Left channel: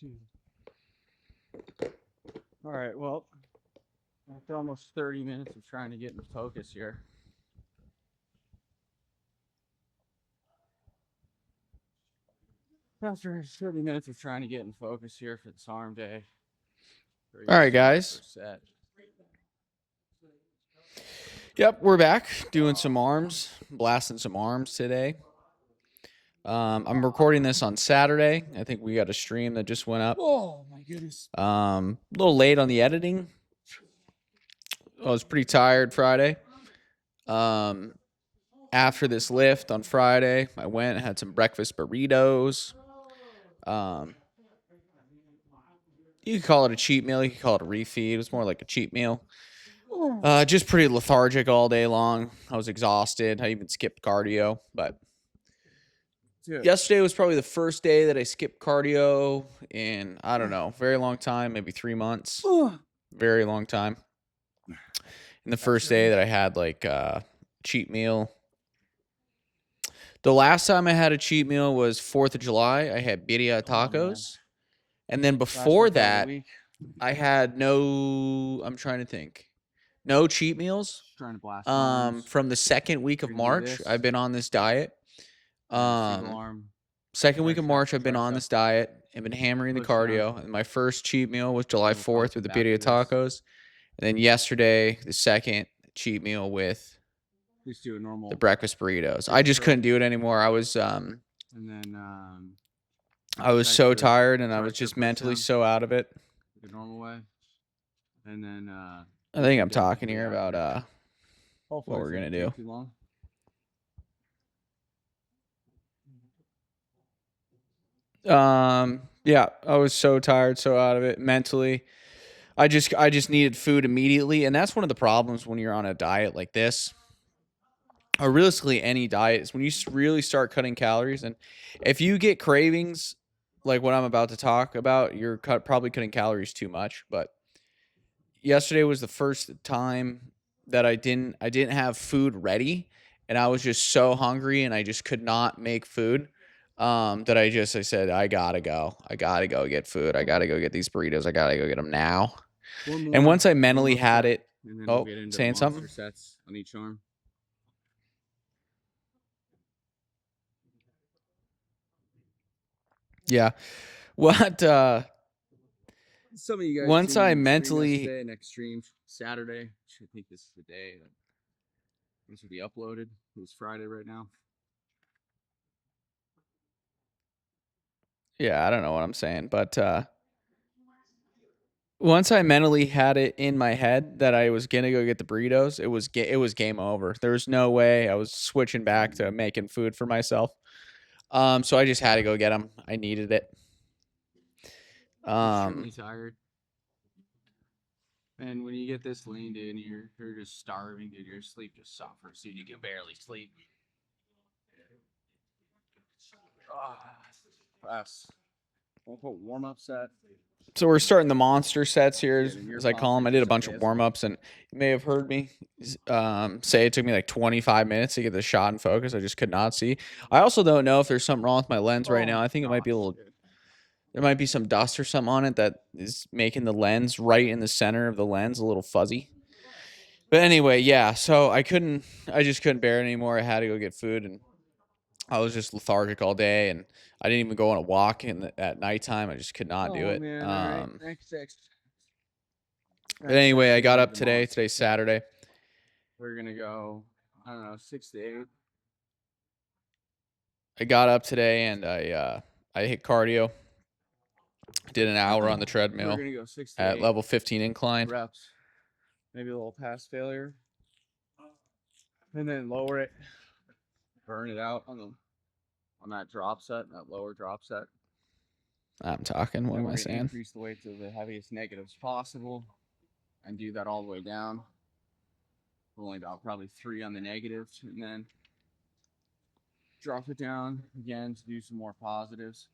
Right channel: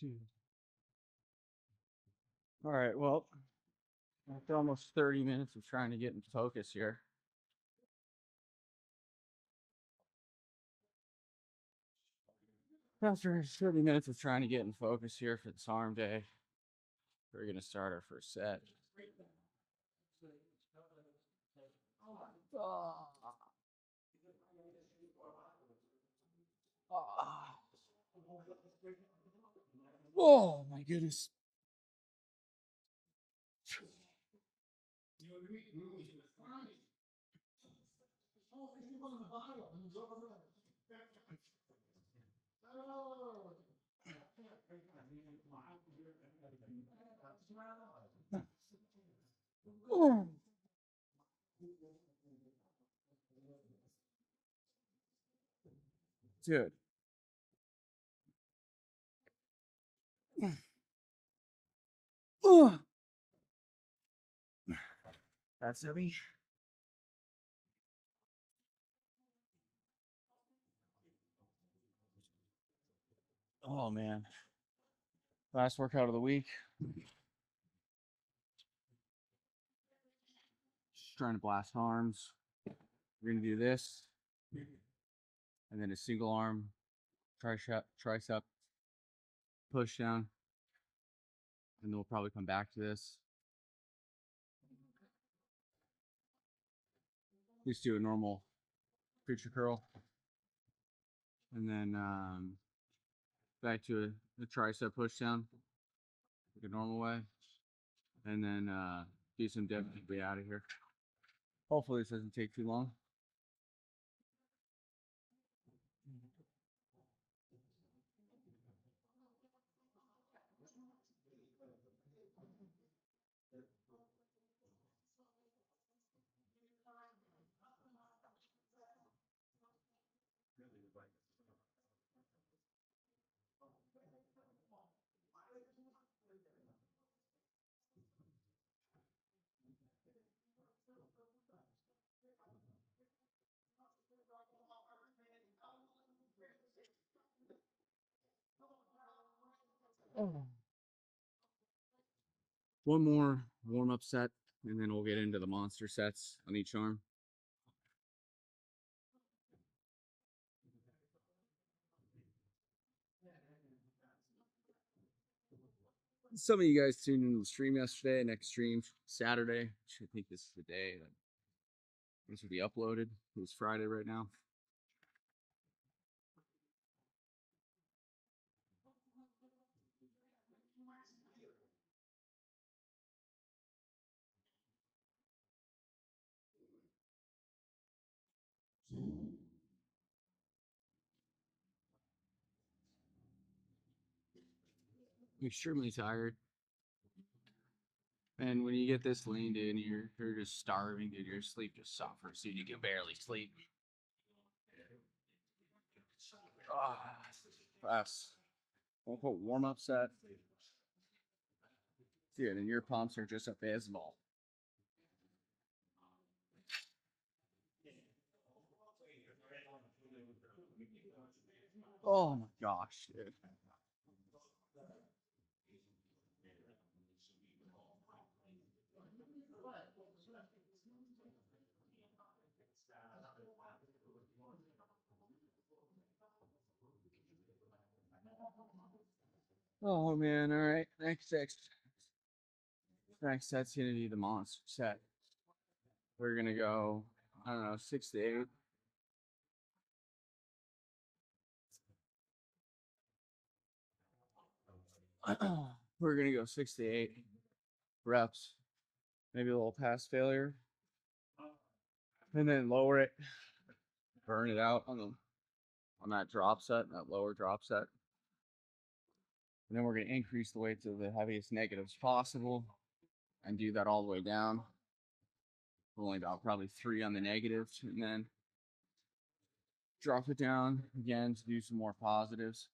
dude. All right, well, after almost 30 minutes of trying to get in focus here. After 30 minutes of trying to get in focus here for this arm day. All right, guys. Set. Yep, we're back doing some arms, blasting some arms today. I'm recording this on Saturday. I think we got a stream that just went up. Oh my goodness. A little late on the editing. I was pretty tired Friday. After this lift on Friday, I went and had some breakfast burritos. You could call it a cheat meal. You could call it a refeed. It was more like a cheat meal. Just pretty lethargic all day long. I was exhausted. I even skipped cardio, but yesterday was probably the first day that I skipped cardio in, I don't know, very long time, maybe 3 months. Very long time. And the first day that I had like a cheat meal. The last time I had a cheat meal was 4th of July. I had birria tacos. And then before that, I had I'm trying to think. No cheat meals. Trying to blast arms. From the second week of March, I've been on this diet. Single arm. Second week of March, I've been on this diet. I've been hammering the cardio. And my first cheat meal was July 4th with the birria tacos. And then yesterday, the second cheat meal with just do a normal the breakfast burritos. I just couldn't do it anymore. I was and then I was so tired, and I was just mentally so out of it. The normal way. And then I think I'm talking here about what we're gonna do. Too long. Yeah, I was so tired, so out of it mentally. I just needed food immediately, and that's one of the problems when you're on a diet like this, or realistically any diet, is when you really start cutting calories. And if you get cravings like what I'm about to talk about, you're probably cutting calories too much. But yesterday was the first time that I didn't have food ready, and I was just so hungry, and I just could not make food. That I said, I gotta go get food. I gotta go get these burritos. I gotta go get them now. And once I mentally had it, and then we'll get into saying the something? monster sets on each arm. Yeah. What? Some of you guys. Once I mentally today, next stream Saturday. I think this is the day that this will be uploaded. It's Friday right now. Yeah, I don't know what I'm saying, but once I mentally had it in my head that I was gonna go get the burritos, it was game over. There was no way I was switching back to making food for myself. So I just had to go get them. I needed it. I'm extremely tired. And when you get this lean, dude, you're just starving, dude. Your sleep just suffers, dude. You can barely sleep. Fast. We'll put warm-up set. So we're starting the monster sets here, as I call them. I did a bunch of warm-ups, and you may have heard me say it took me like 25 minutes to get the shot in focus. I just could not see. I also don't know if there's something wrong with my lens right now. I think it might be a little... There might be some dust or something on it that is making the lens right in the center of the lens a little fuzzy. But anyway, yeah, so I just couldn't bear it anymore. I had to go get food, and I was just lethargic all day, and I didn't even go on a walk at nighttime. I just could not do it. Man, all right. Next. But anyway, I got up today. Today's Saturday. We're going to go, I don't know, 6 to 8. I got up today, and I hit cardio. Did an hour on the treadmill. We're going to go 6 to 8. At level 15 incline. Reps. Maybe a little pass failure. And then lower it. Burn it out on that drop set, that lower drop set. I'm talking. What am I saying? Increase the weight to the heaviest negatives possible, and do that all the way down. Only about probably 3 on the negatives, and then drop it down again to do some more positives.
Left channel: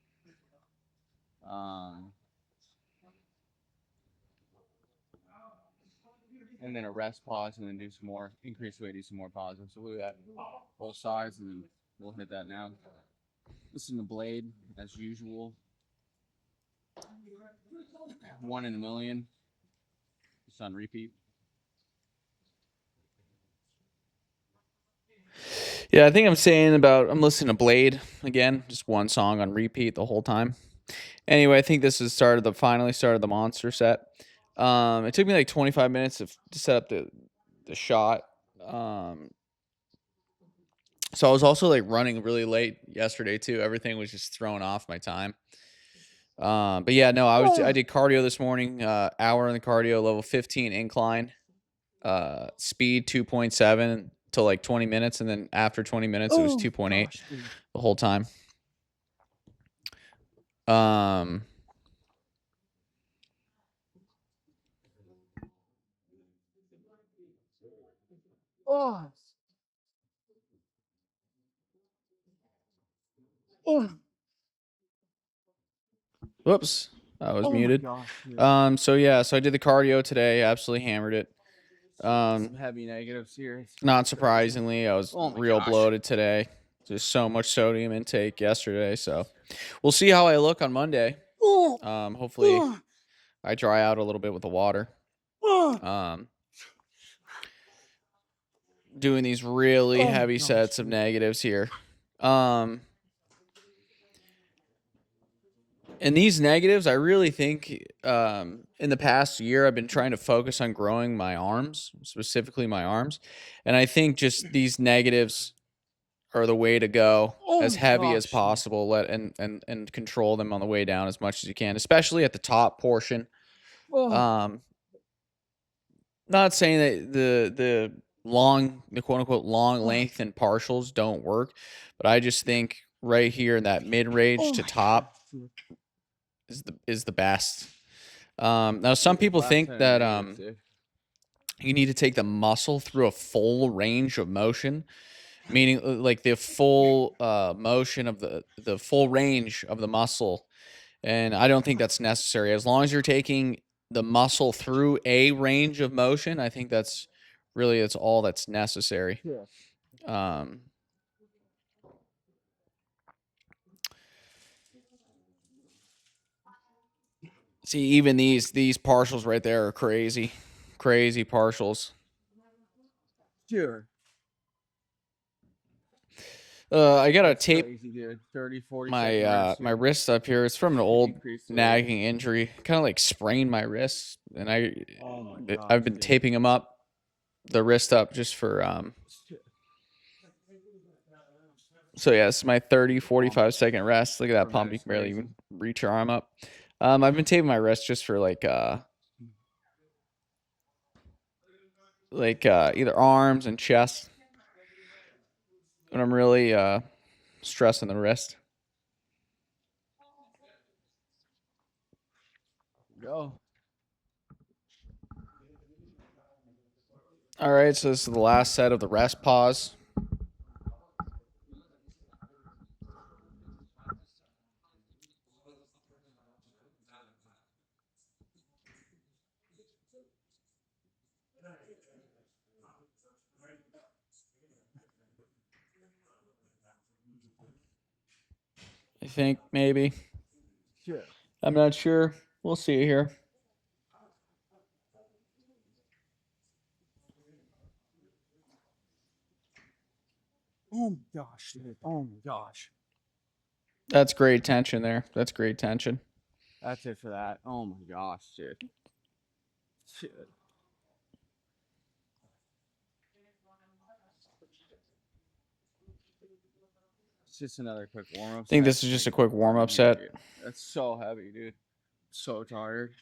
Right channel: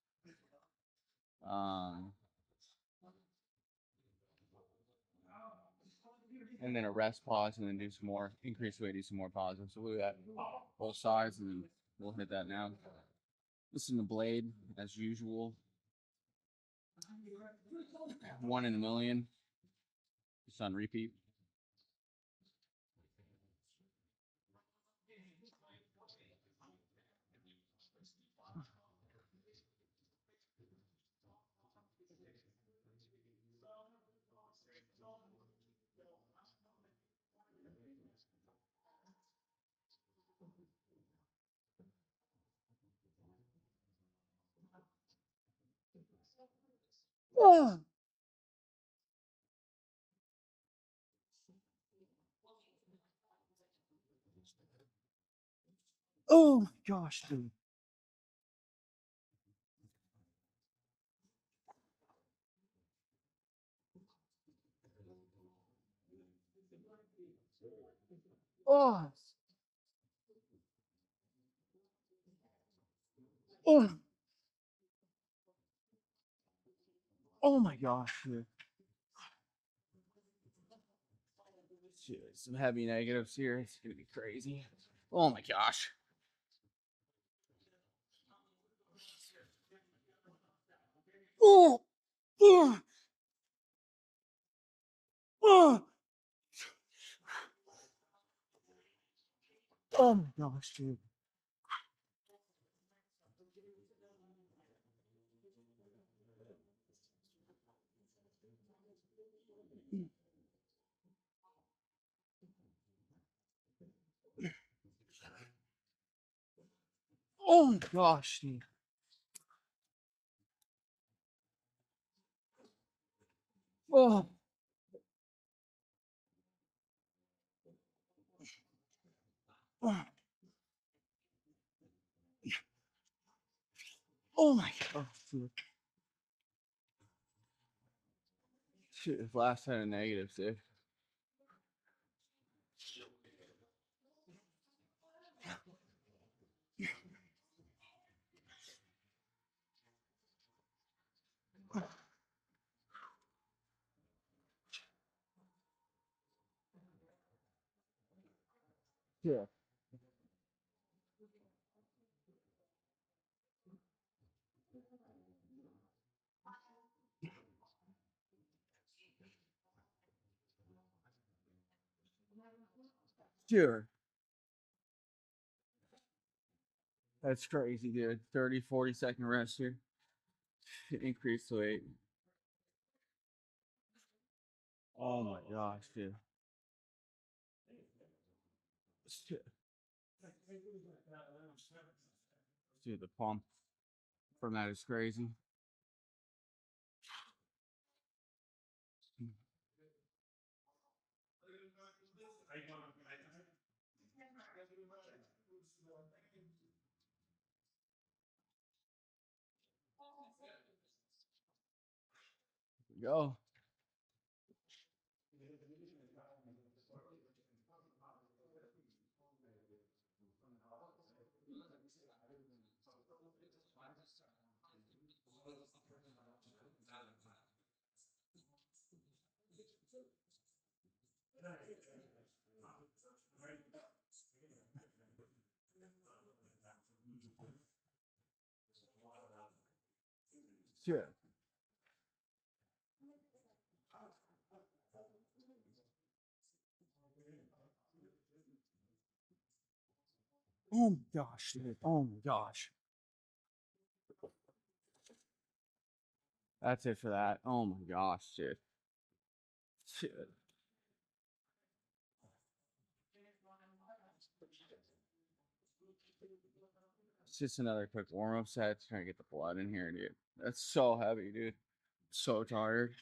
And then a rest pause, and then do some more, increase the weight, do some more positives. So we'll do that both sides, and then we'll hit that now. Listen to blade as usual. 1 in a million. Just on repeat. Yeah, I think I'm listening to Blade again, just one song on repeat the whole time. Anyway, I think this is finally started the monster set. It took me like 25 minutes to set up the shot. So I was also like running really late yesterday too. Everything was just thrown off my time. But yeah, no, I did cardio this morning, hour in the cardio, level 15 incline, speed 2.7 to like 20 minutes. And then after 20 minutes, it was 2.8 the whole time. Whoops, I was muted. So yeah, so I did the cardio today. Absolutely hammered it. Some heavy negatives here. Not surprisingly, I was real bloated today. Just so much sodium intake yesterday. So we'll see how I look on Monday. Hopefully I dry out a little bit with the water. Doing these really heavy sets of negatives here. And these negatives, I really think in the past year, I've been trying to focus on growing my arms, specifically my arms. And I think just these negatives are the way to go, as heavy as possible. And control them on the way down as much as you can, especially at the top portion. Not saying that the quote unquote long length and partials don't work, but I just think right here in that mid range to top is the best. Now some people think that you need to take the muscle through a full range of motion, meaning like the full motion of the full range of the muscle. And I don't think that's necessary. As long as you're taking the muscle through a range of motion, I think that's all that's necessary. Yeah. See, even these partials right there are crazy partials. Sure. I gotta tape crazy, dude. 30, 40 my wrist up here. It's from an old nagging injury. Kind of like sprained my wrist, and I've been taping them up, the wrist up, just for So yeah, it's my 30, 45 second rest. Look at that pump. You can barely even reach your arm up. I've been taping my wrist just for like either arms and chest. When I'm really stressing the wrist. Go. All right, so this is the last set of the rest pause. I think maybe. Sure. I'm not sure. We'll see here. Oh my gosh, dude. Oh my gosh. That's great tension there. That's great tension. That's it for that. Oh my gosh, dude. Shit. It's just another quick warm up. I think this is just a quick warm up set. That's so heavy, dude. So tired.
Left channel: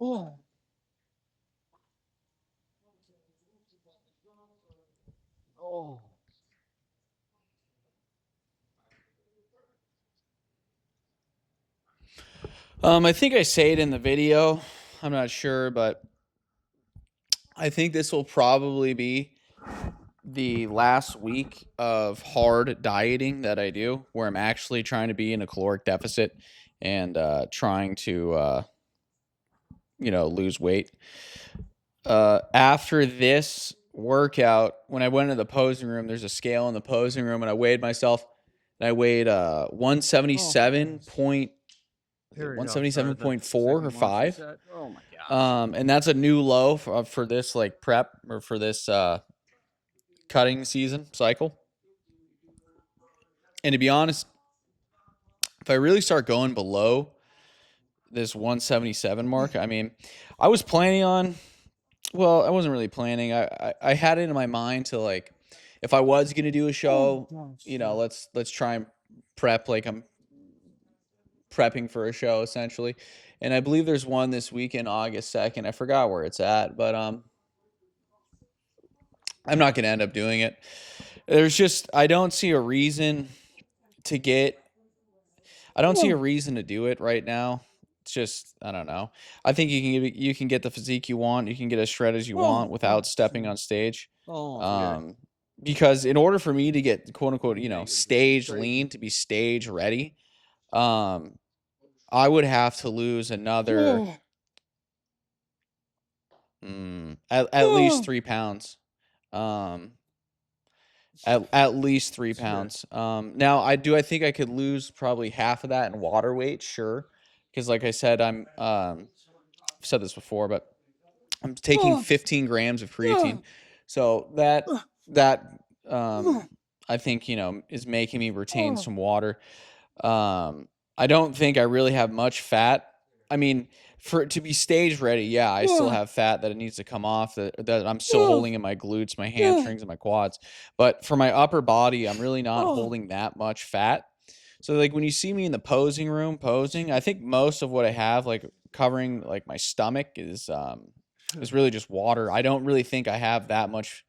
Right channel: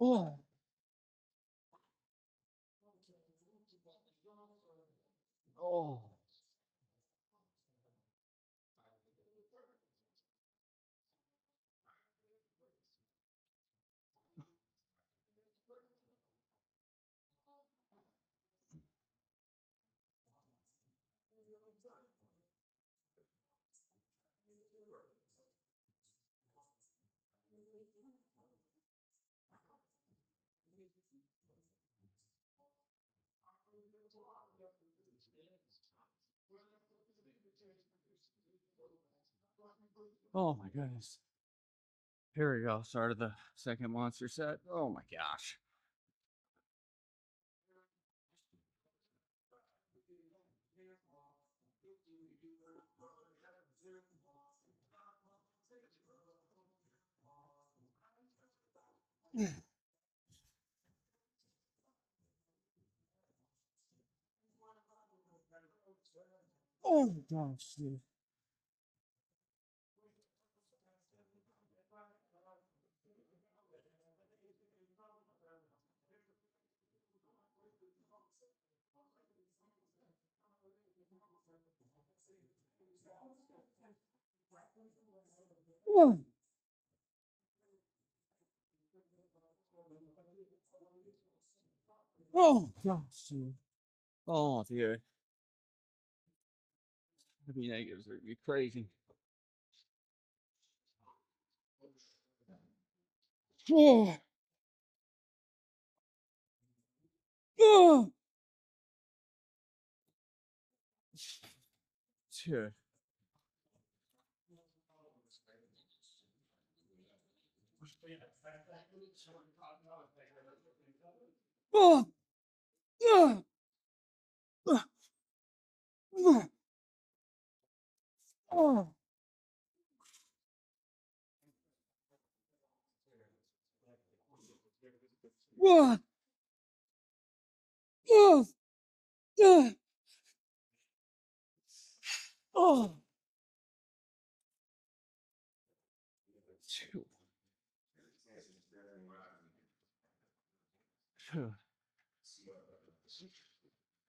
Oh. Oh. I think I say it in the video. I'm not sure, but I think this will probably be the last week of hard dieting that I do, where I'm actually trying to be in a caloric deficit and trying to lose weight. After this workout, when I went into the posing room, there's a scale in the posing room, and I weighed myself, and I weighed Oh, 177 yes. point Here we go. Started the 177.4 or second monster 5. set. Oh my gosh. And that's a new low for this like prep or for this cutting season cycle. And to be honest, if I really start going below this 177 mark, I mean, I was planning on, well, I wasn't really planning. I had it in my mind to, like, if I was going to do a show, let's try and prep like I'm prepping for a show essentially. And I believe there's one this weekend, August 2nd. I forgot where it's at, but I'm not going to end up doing it. I don't see a reason to do it right now. It's just, I don't know. I think you can get the physique you want. You can get as shredded as you want without stepping on stage. Yeah. Because in order for me to get quote unquote, Negative. stage Crazy. lean, to be stage ready, I would have to lose another at least 3 pounds. At least 3 pounds. Now I think I could lose probably half of that in water weight, sure, because like I said, I've said this before, but I'm taking 15 grams of creatine, so that I think is making me retain some water. I don't think I really have much fat. I mean, for it to be stage ready, yeah, I still have fat that it needs to come off, that I'm still holding in my glutes, my hamstrings, and my quads. But for my upper body, I'm really not holding that much fat. So like when you see me in the posing room posing, I think most of what I have, like covering like my stomach, is really just water. I don't really think I have that much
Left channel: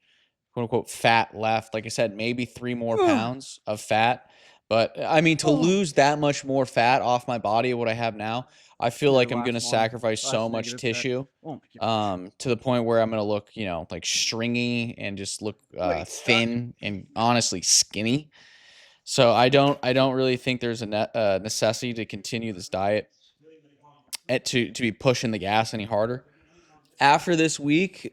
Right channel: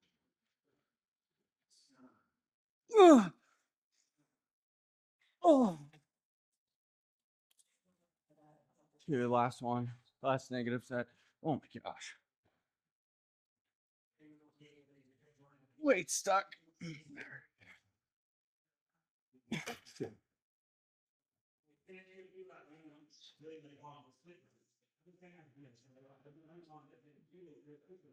quote unquote fat left. Like I said, maybe 3 more pounds of fat. But I mean, to lose that much more fat off my body of what I have now, I feel like I'm gonna sacrifice so much tissue, to the point where I'm gonna look, like stringy and just look thin and honestly skinny. So I don't really think there's a necessity to continue this diet to be pushing the gas any harder. After this week,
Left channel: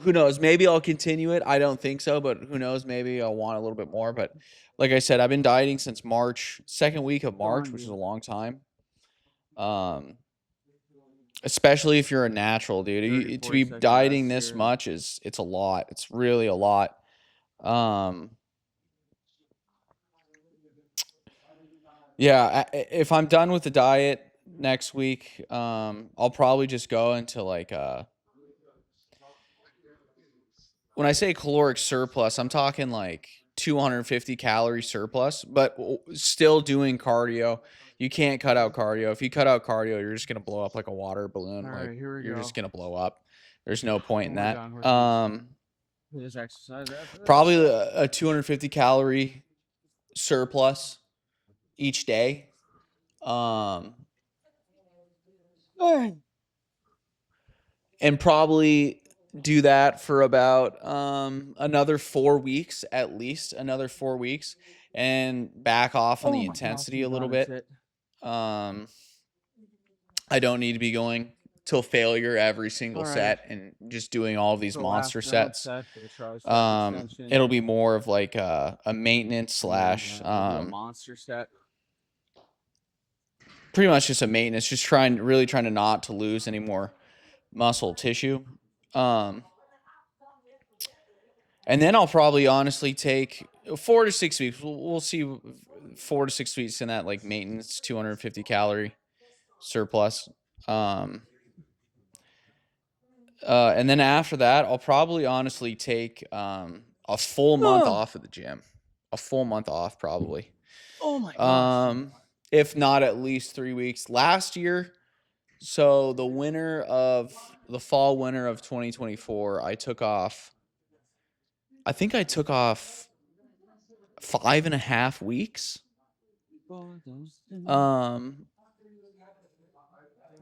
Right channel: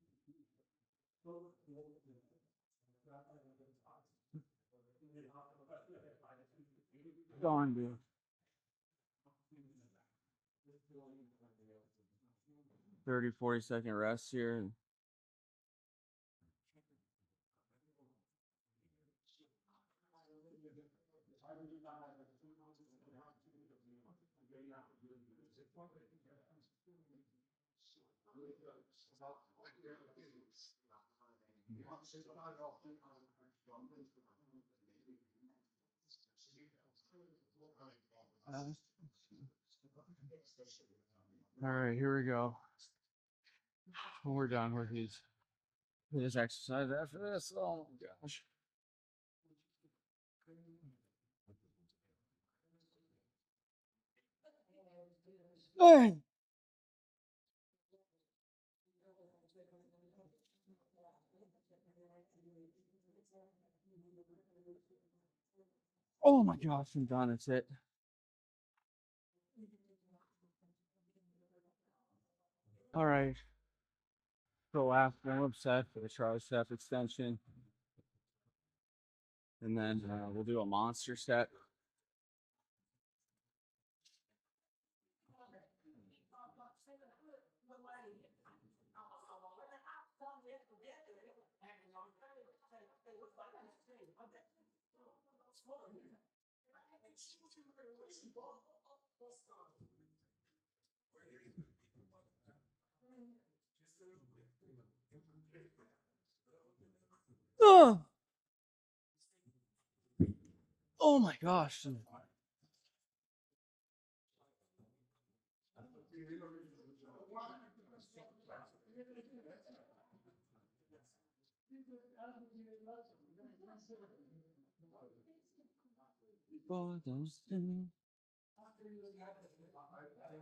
who knows? Maybe I'll continue it. I don't think so, but who knows? Maybe I'll want a little bit more. But like I said, I've been dieting since March, second week of March, which is a long time. Especially if you're a natural, dude. To be dieting this much it's a lot. It's really a lot. Yeah, if I'm done with the diet next week, I'll probably just go into like when I say caloric surplus, I'm talking like 250 calorie surplus, but still doing cardio. You can't cut out cardio. If you cut out cardio, you're just gonna blow up like a water balloon. All right, here we You're go. just gonna blow up. There's no point in We're that. done. There's exercise after this. Probably a 250 calorie surplus each day. And probably do that for about another 4 weeks, at least another 4 weeks, and back off on the intensity a little bit. I don't need to be going till failure every single set and just doing all of these monster sets. It'll be more of like a maintenance slash do a monster set. Pretty much just a maintenance, just really trying to not to lose any more muscle tissue. And then I'll probably honestly take 4 to 6 weeks. We'll see 4 to 6 weeks in that like maintenance 250 calorie surplus. And then after that, I'll probably honestly take a full month off of the gym. A full month off probably. Oh my gosh. If not at least 3 weeks. Last year, so the fall winter of 2024, I think I took off 5.5 weeks.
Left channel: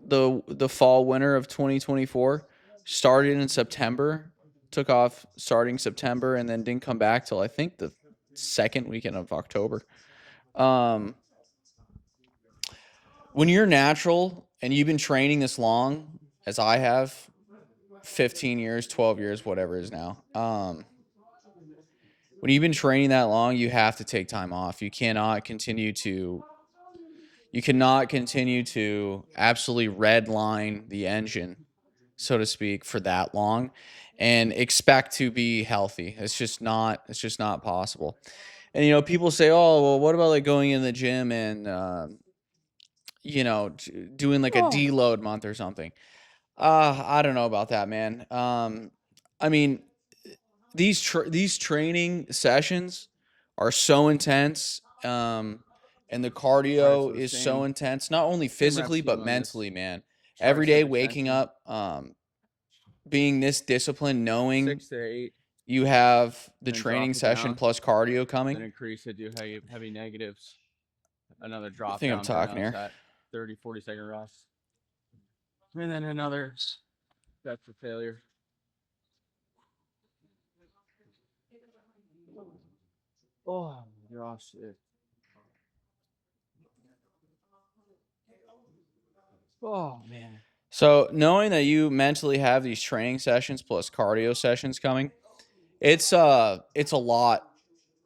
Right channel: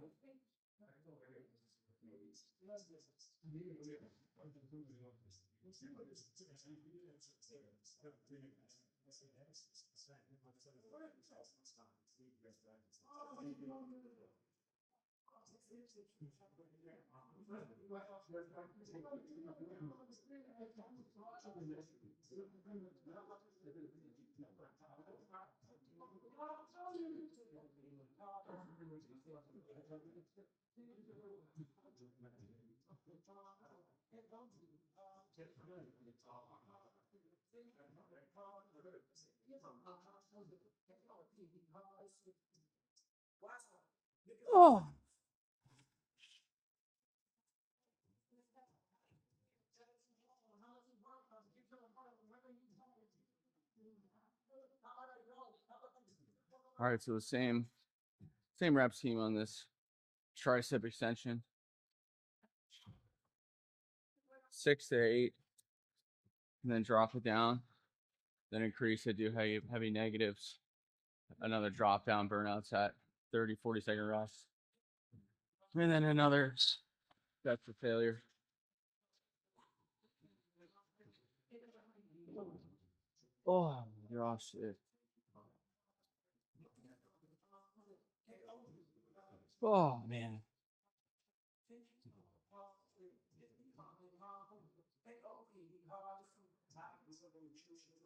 The fall winter of 2024 started in September took off starting September and then didn't come back till I think the second weekend of October. When you're natural and you've been training this long, as I have, 15 years, 12 years, whatever it is now. When you've been training that long, you have to take time off. You cannot continue to absolutely redline the engine, so to speak, for that long and expect to be healthy. It's just not possible. And people say, "Oh, well, what about like going in the gym and doing like a Oh, deload month or something?" I don't know about that, man. I mean, these training sessions are so intense, and the all right, cardio so the is so same intense, not only rep physically scheme but on this mentally, man. Every tricep day waking extension, up, being this disciplined, knowing 6 to 8, you have the and then drop training it session down, plus cardio coming. then increase it, do heavy negatives, another I drop think I'm down talking burnout here. set, 30-40 second rest, and then another set for failure. Oh gosh, oh man. So knowing that you mentally have these training sessions plus cardio sessions coming, it's a lot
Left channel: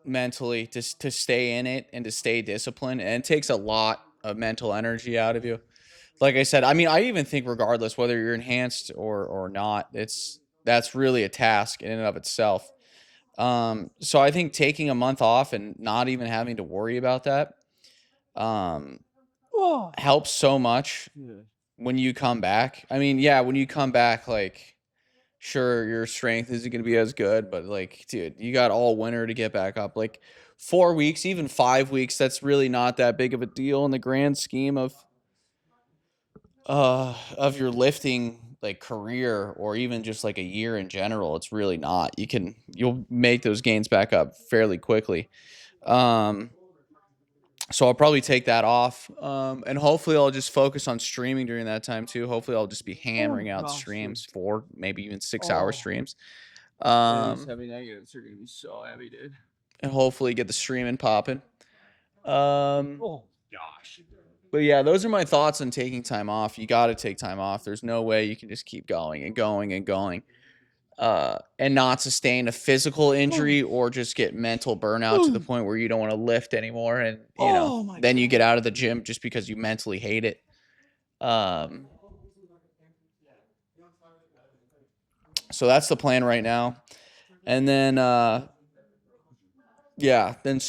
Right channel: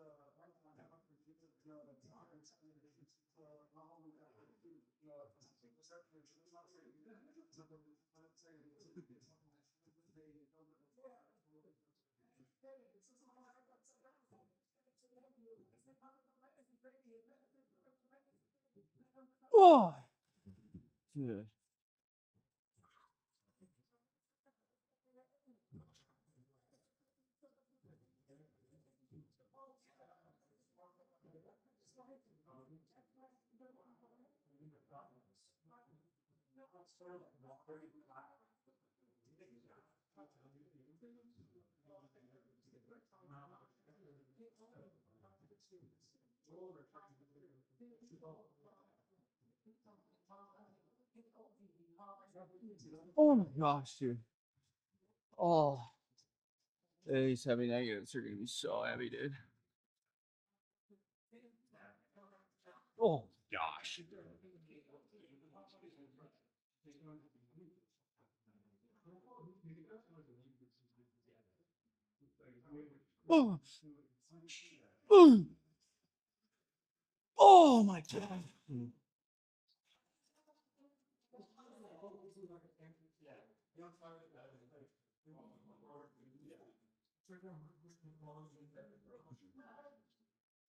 mentally to stay in it and to stay disciplined, and it takes a lot of mental energy out of you. Like I said, I mean, I even think regardless whether you're enhanced or not, that's really a task in and of itself. So I think taking a month off and not even having to worry about that um, Oh, helps so much yeah. when you come back. I mean, yeah, when you come back, like, sure, your strength isn't going to be as good, but like, dude, you got all winter to get back up. Like 4 weeks, even 5 weeks, that's really not that big of a deal in the grand scheme of your lifting like career, or even just like a year in general. It's really not. You'll make those gains back up fairly quickly. Um, so I'll probably take that off. And hopefully I'll just focus on streaming during that time too. Hopefully I'll just be Oh hammering out gosh, dude. streams, 4, maybe even 6 hour Oh, streams. these Um, heavy negatives are gonna be so heavy, dude. and hopefully get the streaming popping. Um, Oh gosh. but yeah, those are my thoughts on taking time off. You got to take time off. There's no way you can just keep going and going and going, and not sustain a physical injury or just get mental burnout to the point where you don't want to lift anymore. And, Oh my then you get god. out of the gym just because you mentally hate it. So that's the plan right now. And then, yeah, then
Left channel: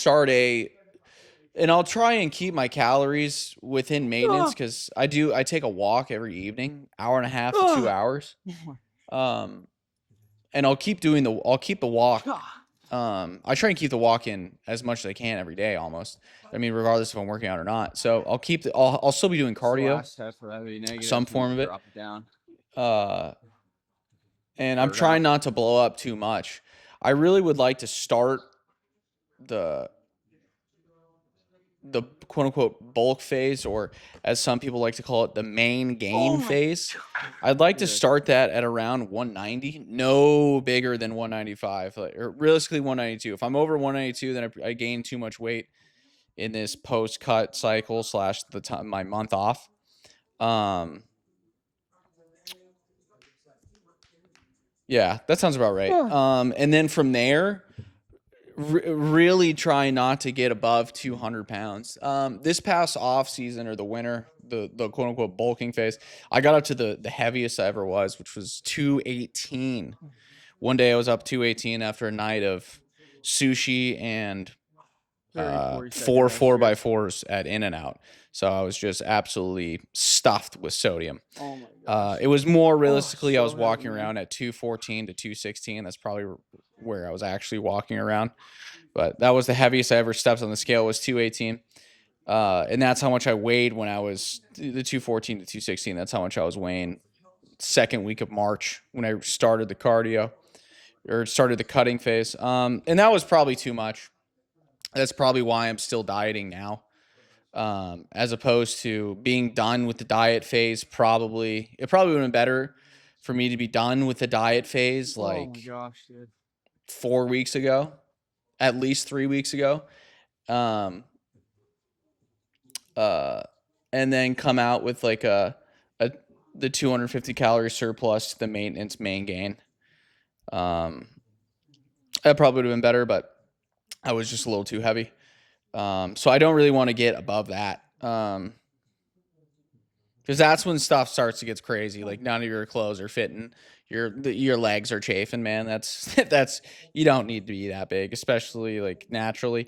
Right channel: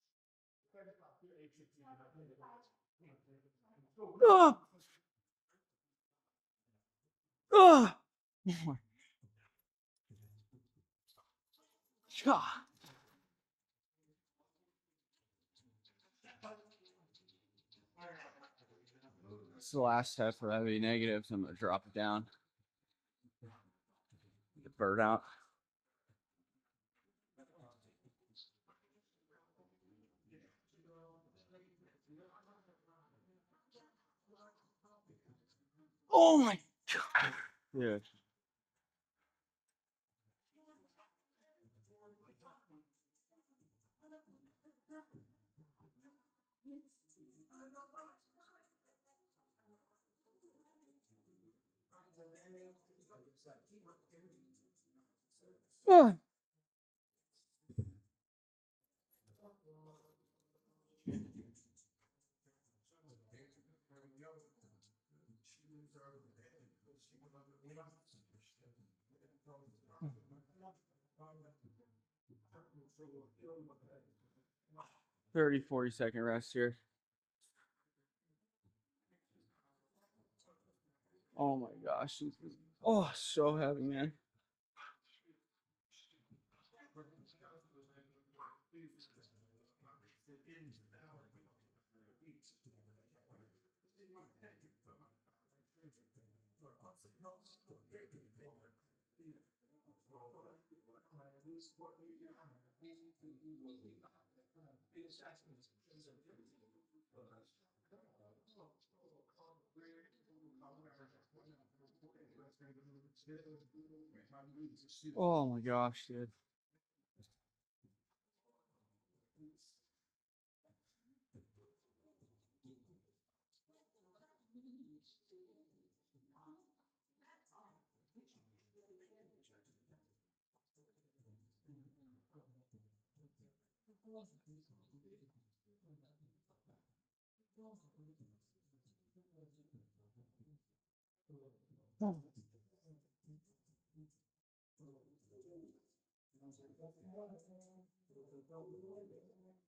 and I'll try and keep my calories within maintenance, because I take a walk every evening, hour and a half to 2 hours. And I'll keep the walk. I try and keep the walk in as much as I can every day, almost. I mean, regardless if I'm working out or not. So I'll still be doing It's the cardio, last set for heavy negatives, some and form of it. drop it down. And I'm trying not to blow up too much. I really would like to start the quote unquote bulk phase, or as some people like to call it, the main gain phase. I'd like to start that at around 190, no bigger than 195, or realistically 192. If I'm over 192, then I gain too much weight in this post cut cycle / the time my month off. Yeah, that sounds about right. And then from there, really try not to get above 200 pounds. This past off season, or the winter, the quote unquote bulking phase, I got up to the heaviest I ever was, which was 218. One day I was up 218 after a night of sushi and 30-40 second rest 4x4s at In-N-Out. So I was just absolutely stuffed with sodium. Oh my gosh. It was more realistically, I was so walking heavy, man. around at 214 to 216. That's probably where I was actually walking around. But that was the heaviest I ever stepped on the scale, was 218. And that's how much I weighed when I was the 214 to 216. That's how much I was weighing second week of March when I started the cardio, or started the cutting phase. And that was probably too much. That's probably why I'm still dieting now. As opposed to being done with the diet phase. It probably would have been better for me to be done with the diet phase Oh my like gosh, dude. 4 weeks ago, at least 3 weeks ago. And then come out with like the 250 calorie surplus to the maintenance main gain. That probably would have been better, but I was just a little too heavy. So I don't really want to get above that. Because that's when stuff starts to get crazy. Like none of your clothes are fitting. Your legs are chafing, man. That's you don't need to be that big, especially like naturally.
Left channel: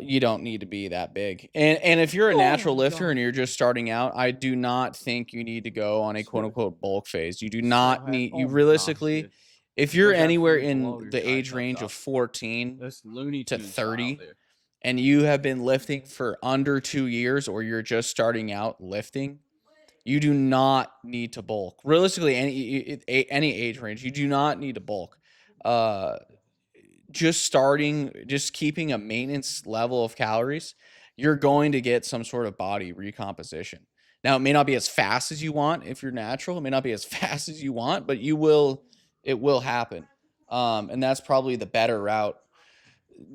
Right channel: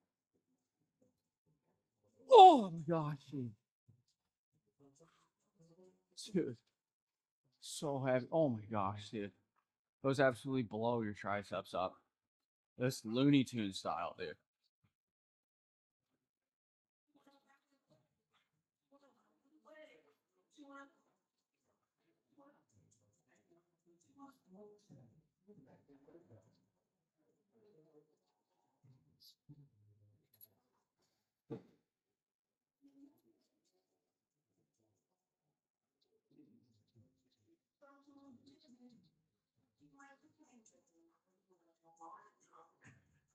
You don't need to be that big. And if you're a natural lifter and you're just starting out, I do not think you need to go on a quote unquote bulk phase. You do not need you realistically, if you're anywhere in the age range of 14 This Looney to Tunes style 30 there. and you have been lifting for under 2 years or you're just starting out lifting, you do not need to bulk. Realistically, any age range, you do not need to bulk. Just keeping a maintenance level of calories, you're going to get some sort of body recomposition. Now, it may not be as fast as you want if you're natural. It may not be as fast as you want, but it will happen. And that's probably the better route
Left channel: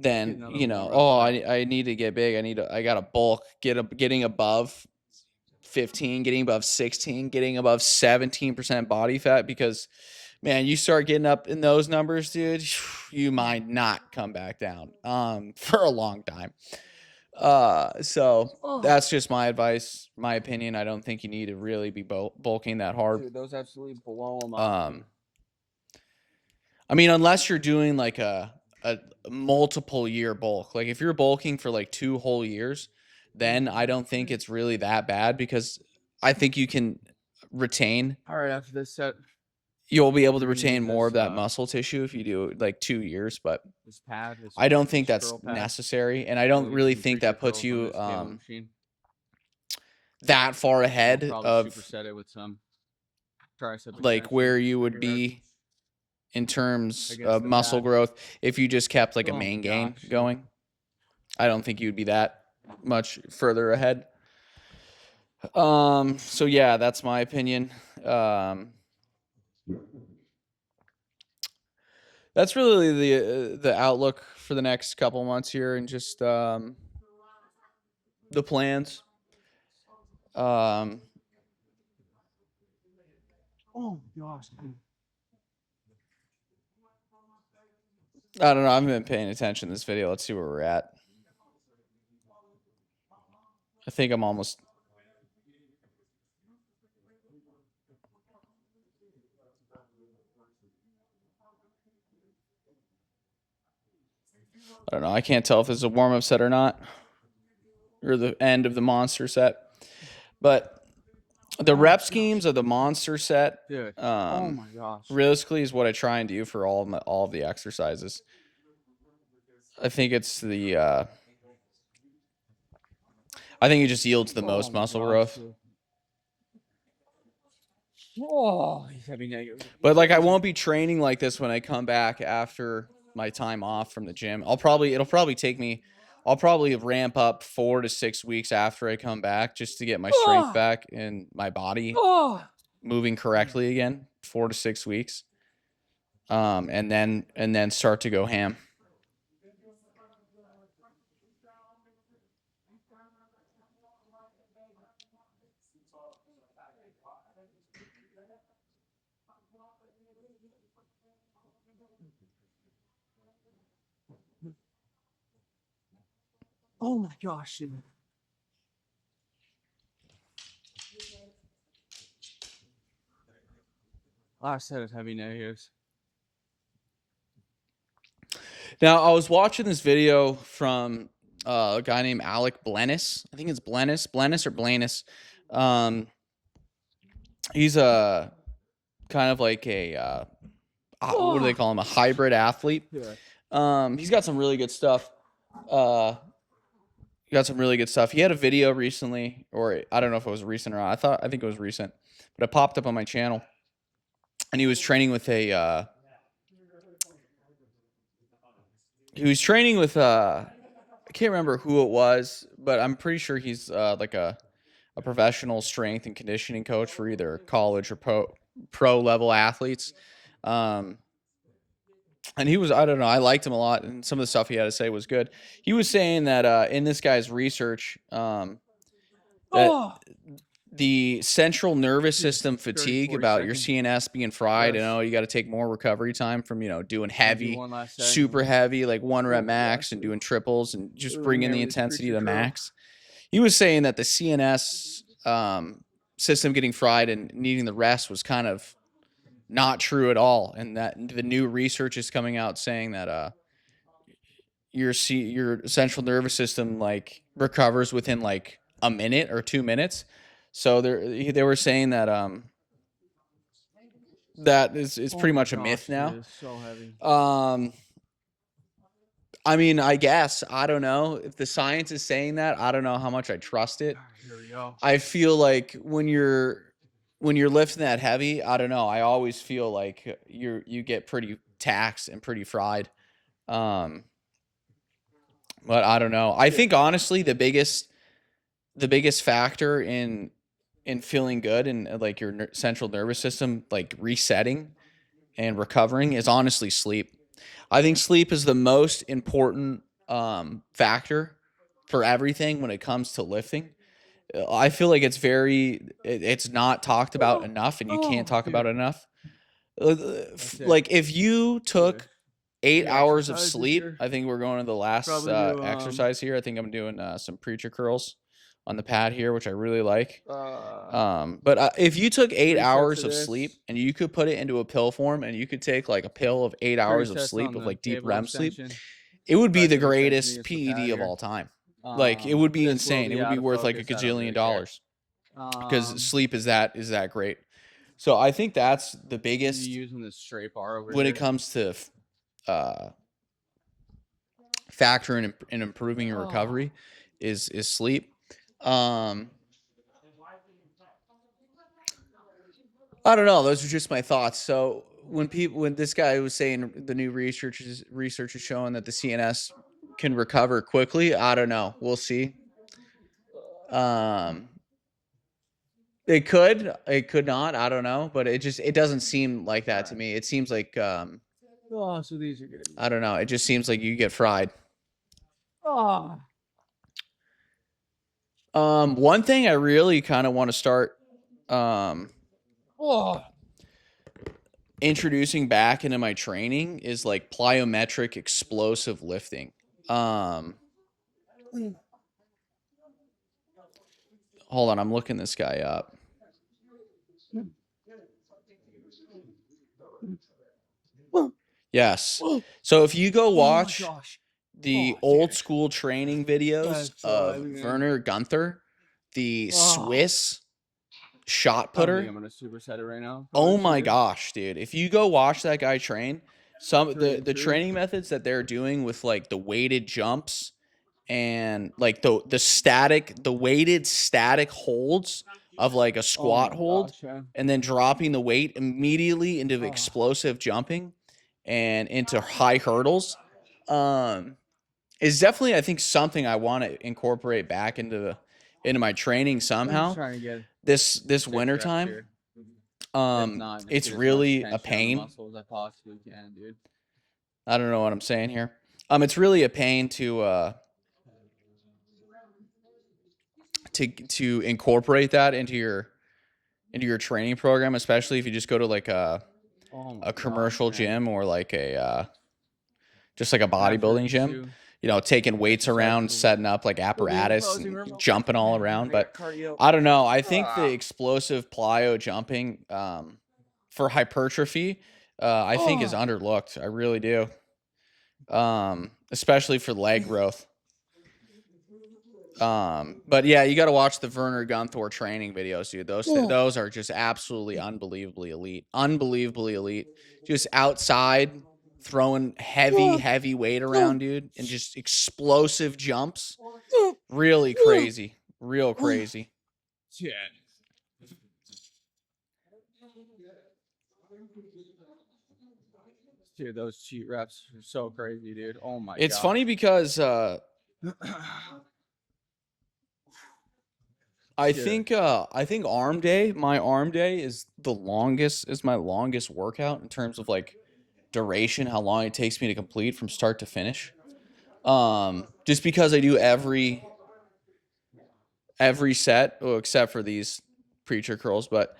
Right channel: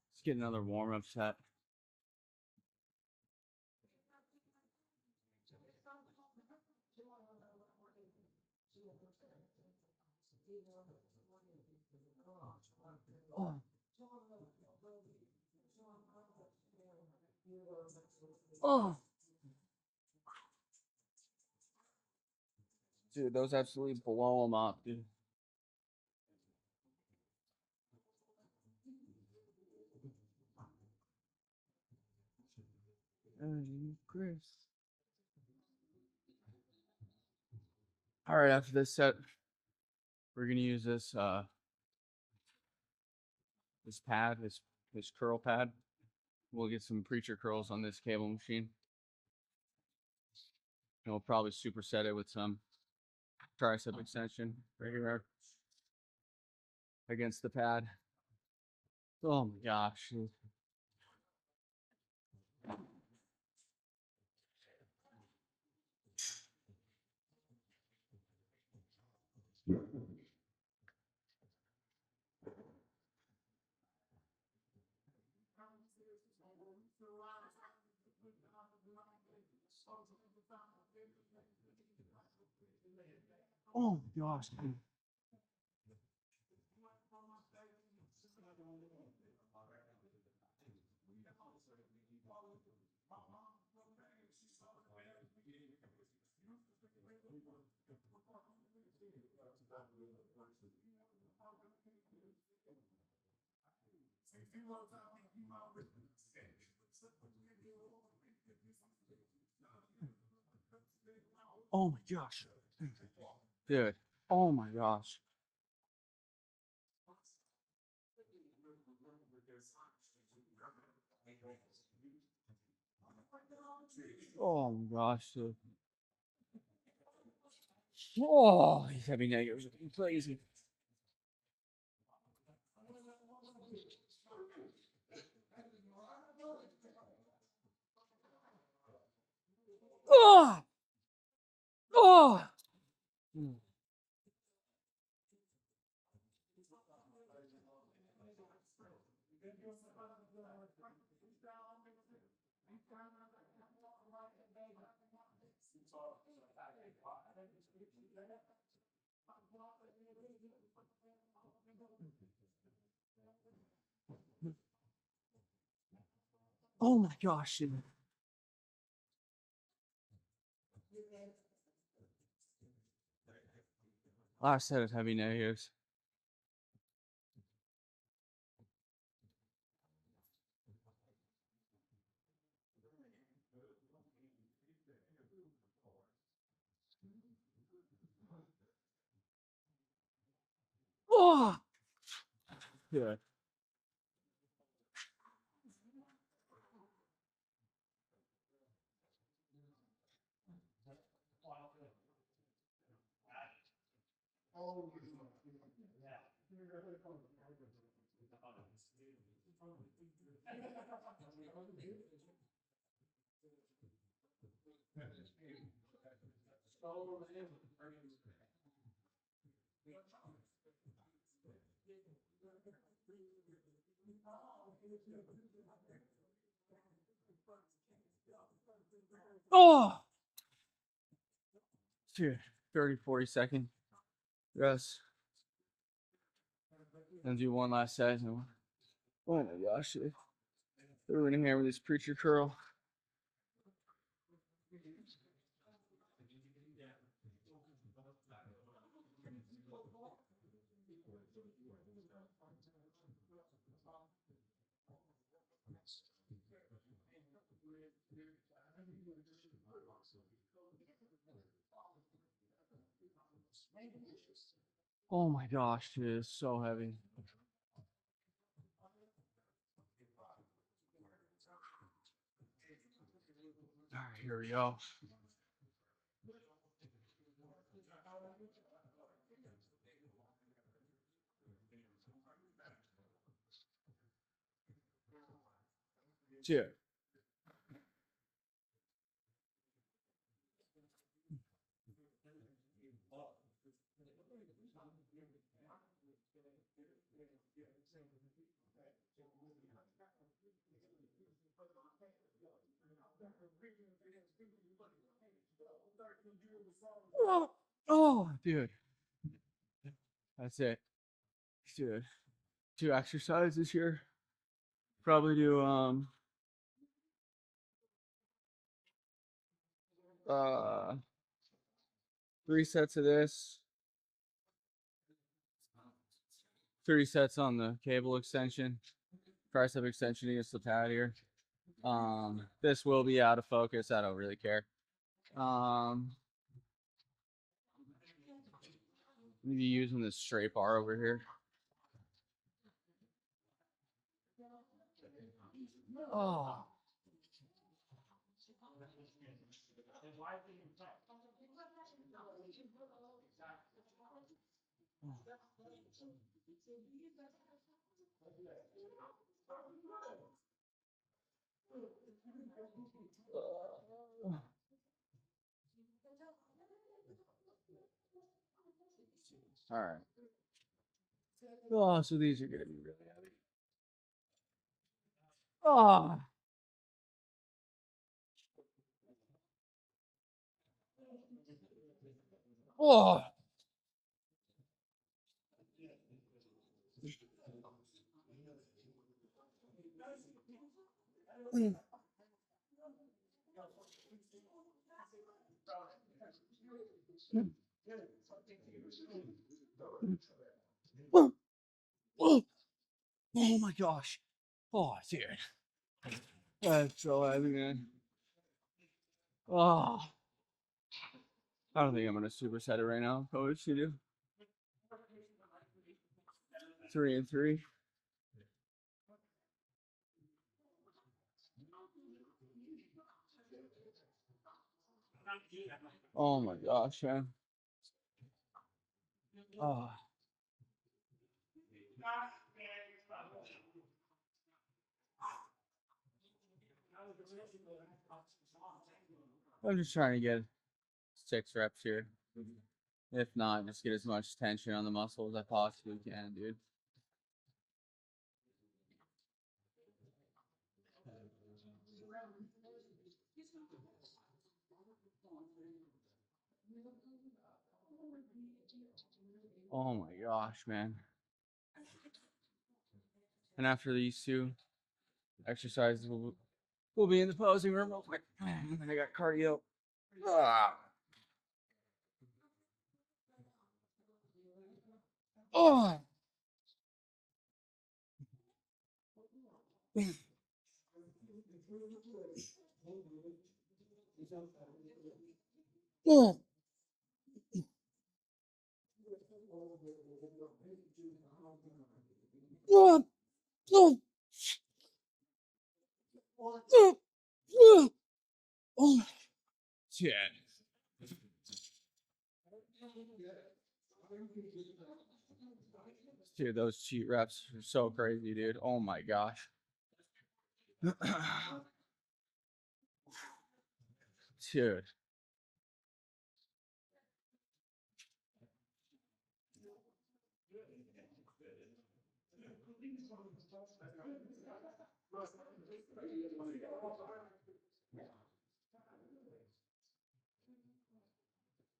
than, I need to get big. I got to bulk, getting above 15, getting above 16, getting above 17% body fat, because man, you start getting up in those numbers, dude, you might not come back down for a long time. So that's just my advice, my opinion. I don't think you need to really be bulking that hard. Dude, those absolutely blow them up. I mean, unless you're doing like a multiple year bulk, like if you're bulking for like 2 whole years, then I don't think it's really that bad, because I think you can retain. All right, after this set, You'll be able to retain more of that muscle tissue if you do like 2 years, but this pad, I don't think that's necessary, and I don't really think that puts you that far ahead of superset it with some tricep like where you would be in terms of muscle growth if you just kept like a main gain going. I don't think you'd be that much further ahead. So yeah, that's my opinion. That's really the outlook for the next couple months here, and just the plans. Oh gosh. I don't know. I haven't been paying attention to this video. Let's see where we're at. I think I'm almost. I don't know. I can't tell if this is a warm-up set or not, or the end of the monster set. But the rep schemes of the monster set, dude. Oh my gosh, realistically, is what I try and do for all of the exercises. I think it's the. I think it just yields the most muscle growth. Dude. Oh, but like I won't be training like this when I come back after my time off from the gym. It'll probably take me. I'll probably ramp up 4 to 6 weeks after I come back just to get my strength back and my body moving correctly again. 4 to 6 weeks, and then start to go ham. Oh my gosh. Last set of heavy negatives. Now, I was watching this video from a guy named Alec Blennis. I think it's Blennis or Blanus. He's a kind of like a what do they call him? A hybrid athlete. Yeah. He's got some really good stuff. He had a video recently, or I don't know if it was recent or not. I think it was recent, but it popped up on my channel, and he was training with a. I can't remember who it was, but I'm pretty sure he's like a professional strength and conditioning coach for either college or pro level athletes. And he was, I don't know, I liked him a lot, and some of the stuff he had to say was good. He was saying that in this guy's research, that the central nervous system 30, fatigue 40 about your second CNS being fried, rest. you got to take more recovery time from, doing I'll do heavy, one last set. super heavy, like 1 rep my max, gosh, and dude. doing triples and just Really bringing the hammer this intensity to preacher the curl. max. He was saying that the CNS system getting fried and needing the rest was kind of not true at all, and that the new research is coming out saying that your central nervous system like recovers within like a minute or 2 minutes. So they were saying that that is pretty much a myth now. Dude, it's so heavy. I mean, I guess, I don't know if the science is saying that. I don't know how much I trust it. Here we go. I feel like when you're lifting that heavy, I don't know, I always feel like you get pretty taxed and pretty fried. But I don't know. I think honestly the biggest factor in feeling good and like your central nervous system like resetting and recovering is honestly sleep. I think sleep is the most important factor for everything when it comes to lifting. I feel like it's not talked about enough, and you can't talk about it enough. Like if you took 8 hours of sleep, I think we're going to the last exercise here. I think I'm doing some preacher curls on the pad here, which I really like. But if you took 8 hours of sleep and you could put it into a pill form, and you could take like a pill of 8 hours of sleep of like deep REM sleep, it would be the greatest PED of all time. Like it would be insane. It would be worth like a gajillion dollars because sleep is that great. So I think that's the biggest using the straight bar over when here. it comes to factor in improving your recovery is sleep. I don't know. Those are just my thoughts. So when this guy was saying the new research is showing that the CNS can recover quickly, I don't know. We'll see. It could not. I don't know, but it doesn't seem like that to me. It seems like so these are gonna be. I don't know. It just seems like you get fried. One thing I really kind of want to start introducing back into my training is like plyometric explosive lifting. Hold on, I'm looking this guy up. Yes. So if you go watch the old school training videos of Werner Gunther, the Swiss shot putter. I don't think I'm gonna superset it right now. Oh my gosh, dude. If you go watch that guy train, the training methods that they're doing with like the weighted jumps and like the weighted static holds of like a squat hold, and then dropping the weight immediately into explosive jumping and into high hurdles is definitely, I think, something I want to incorporate back into my training somehow. I'm just trying to get this winter time. It's really a pain. Muscles I possibly can, dude. I don't know what I'm saying here. It's really a pain to incorporate that into your training program, especially if you just go to like a commercial gym or like just like a bodybuilding gym. Taking weights around, setting up like apparatus, jumping all around. But I don't know. I think the explosive plyo jumping for hypertrophy, I think is underlooked. I really do. Especially for leg growth. But yeah, you got to watch the Werner Gunther training videos, dude. Those are just absolutely unbelievably elite. Just outside throwing heavy weight around, dude, and just explosive jumps. Really crazy. Real crazy. Yeah. Dude, those cheat reps are so crazy, dude. Oh my god. It's funny because I think arm day, my arm day is my longest workout in terms of like duration, how long it takes me to complete from start to finish. Just because I do every set, well, except for these preacher curls, but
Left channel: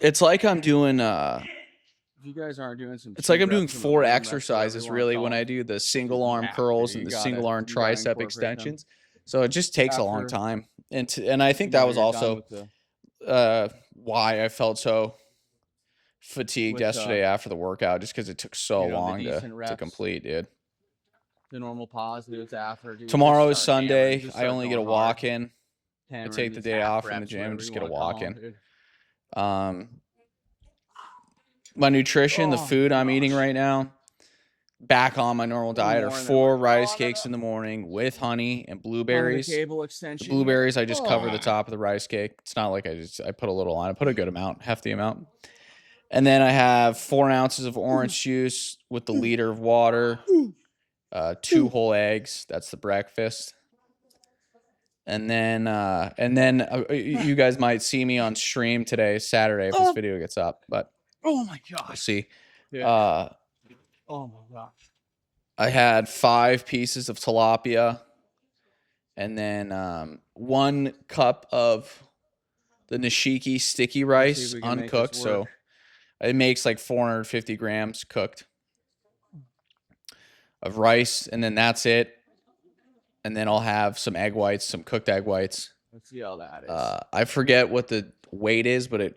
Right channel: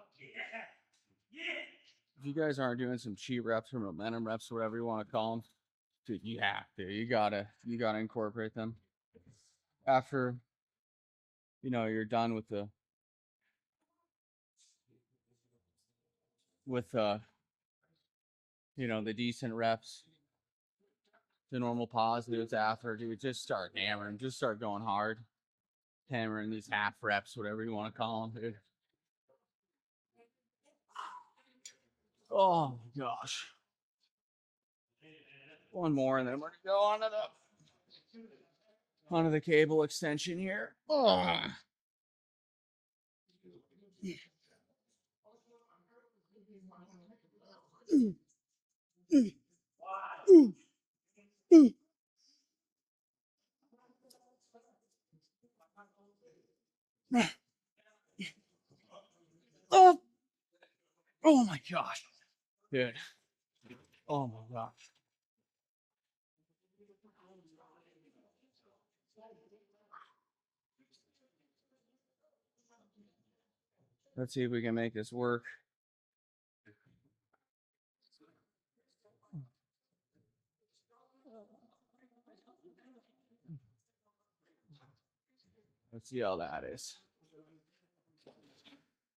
it's like I'm doing if you guys aren't doing some it's like cheat I'm doing reps in the 4 room, that's whatever exercises you want to really call when I them, do the 'cause single you arm have curls to. and You the single gotta arm you gotta tricep incorporate them extensions. So it just takes a long after time. And I think that was you're done also with the why I felt so fatigued with yesterday after the workout, just because it took so the long decent to reps, complete, dude. the normal positives after, dude. Tomorrow is Just start hammering, Sunday. just I start only get going a hard, walk in. I hammering take the these day half off from the reps, gym, whatever just you get a want to call walk them, in. dude. My nutrition, the Oh food I'm eating gosh. right now, back on my normal One diet, are more and then 4 we're rice on cakes in the morning with honey and onto the blueberries. cable The extension blueberries, here. I just cover the top of the rice cake. It's not like I put a little on. I put a good amount, hefty amount. And then I have 4 ounces of orange juice with the liter of water, 2 whole eggs. That's the breakfast. And then you guys might see me on stream today, Saturday, if this video gets up. But Oh my we'll gosh. see. Yeah. Oh my gosh. I had 5 pieces of tilapia, and then 1 cup of the nishiki sticky Let's see if rice we can make uncooked. this work. So it makes like 450 grams cooked of rice, and then that's it. And then I'll have some egg whites, some cooked egg whites. Let's see how that is. I forget what the weight is, but it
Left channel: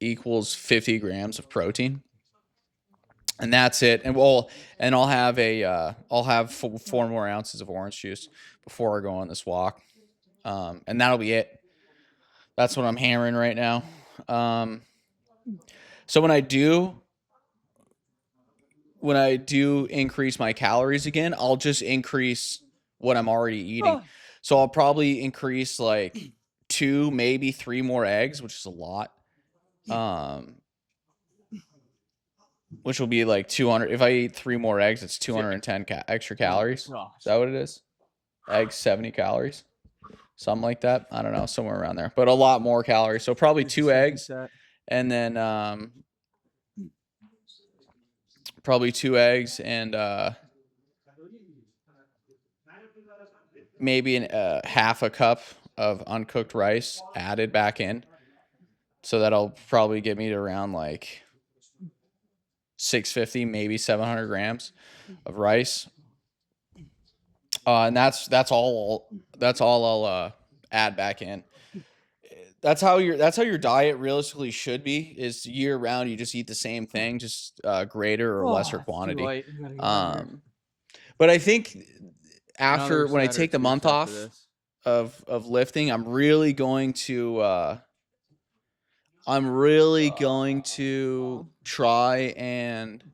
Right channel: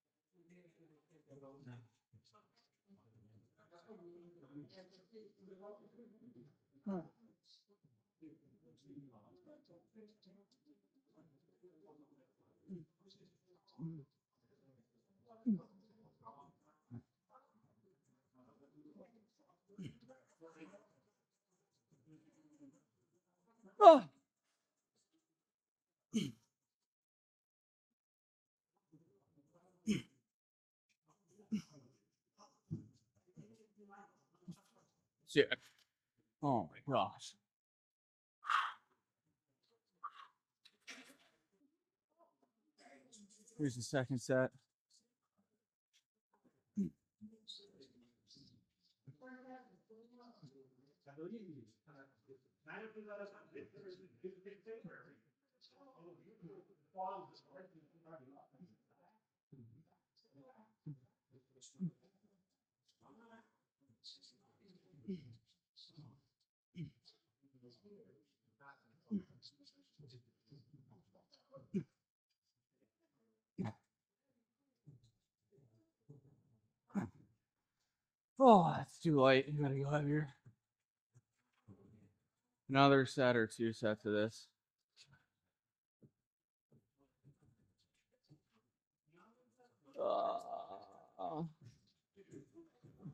equals 50 grams of protein. And that's it. And I'll have I'll have 4 more ounces of orange juice before I go on this walk. And that'll be it. That's what I'm hammering right now. So when I do increase my calories again, I'll just increase what I'm already eating. So I'll probably increase like 2, maybe 3 more eggs, which is a lot. Which will be like 200. If I eat 3 more eggs, it's 210 extra calories. Is that what it is? Eggs, 70 calories. Something like that. I don't know, somewhere around there. But a lot more calories. So probably 2 eggs. And then probably 2 eggs and maybe half a cup of uncooked rice added back in. So that'll probably get me to around like 650, maybe 700 grams of rice. And that's all I'll add back in. That's how your diet realistically should be. Is year round you just eat the same thing, just greater or lesser quantity. But I think after when I take the month off of lifting, I'm really going to try and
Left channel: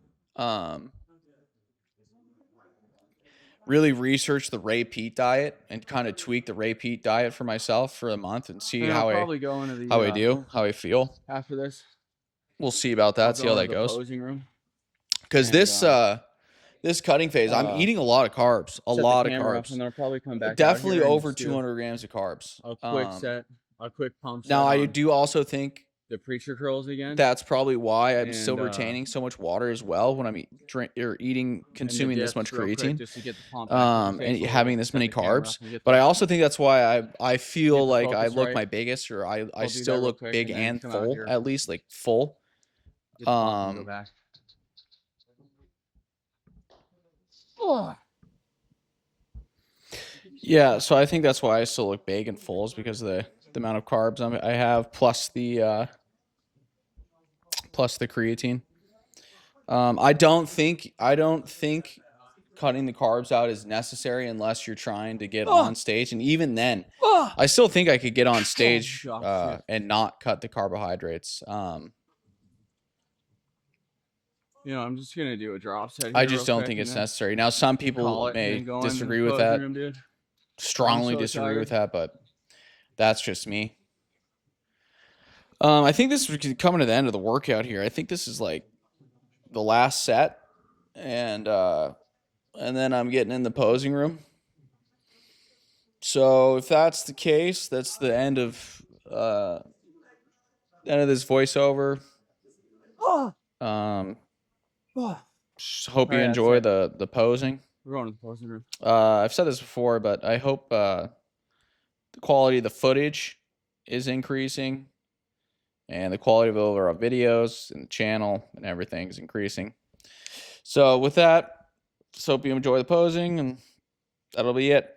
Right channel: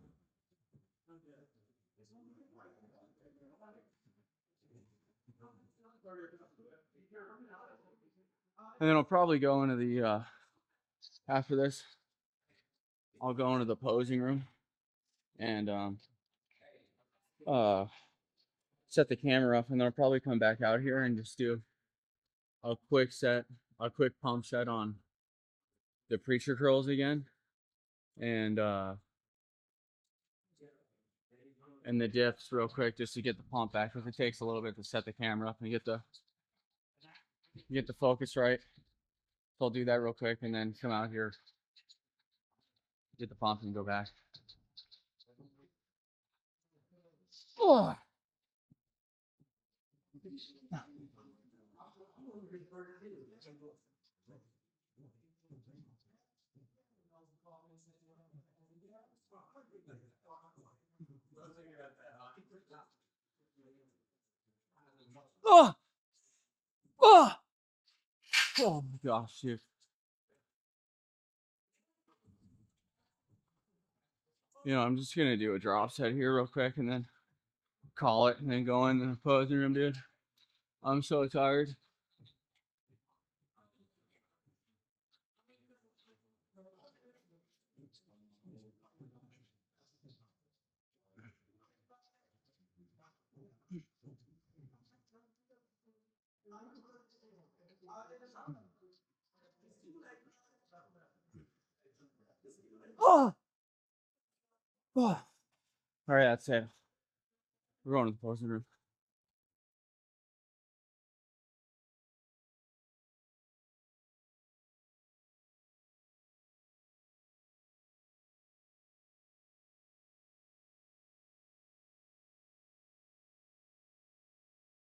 really research the Ray Peat diet and kind of tweak the Ray Peat diet for myself for a month and see how I feel after this. We'll see about that. See how that goes. Posing room. Because this cutting phase, I'm eating a lot of carbs. A lot of carbs. And then I'll probably come back definitely out here over 200 grams of carbs. A quick set, a quick pump set. Now I do also think the preacher curls again. That's probably why I'm still retaining so much water as well when I'm consuming this much creatine, just to get the pump back and having this many carbs. But I also think that's why I feel like I look my biggest, or I still look big and full, at least like full. Get the pump and go back. Yeah, so I think that's why I still look big and full, is because of the amount of carbs I have plus the creatine. I don't think cutting the carbs out is necessary unless you're trying to get on stage, and even then, I still think I could get on stage and not cut the carbohydrates. I'm just gonna do a drop set here. I just don't think it's necessary. Now, some people may disagree with that. Strongly disagree with that, but that's just me. I think this is coming to the end of the workout here. I think this is like the last set, and then I'm getting in the posing room. So if that's the case, that's the end of this voiceover. Just hope you Alright, that's enjoy it. the posing. We're going to the posing room. I've said this before, but I hope the quality of the footage is increasing, and the quality of all our videos and the channel and everything is increasing. So with that, just hope you enjoy the posing, and that'll be it.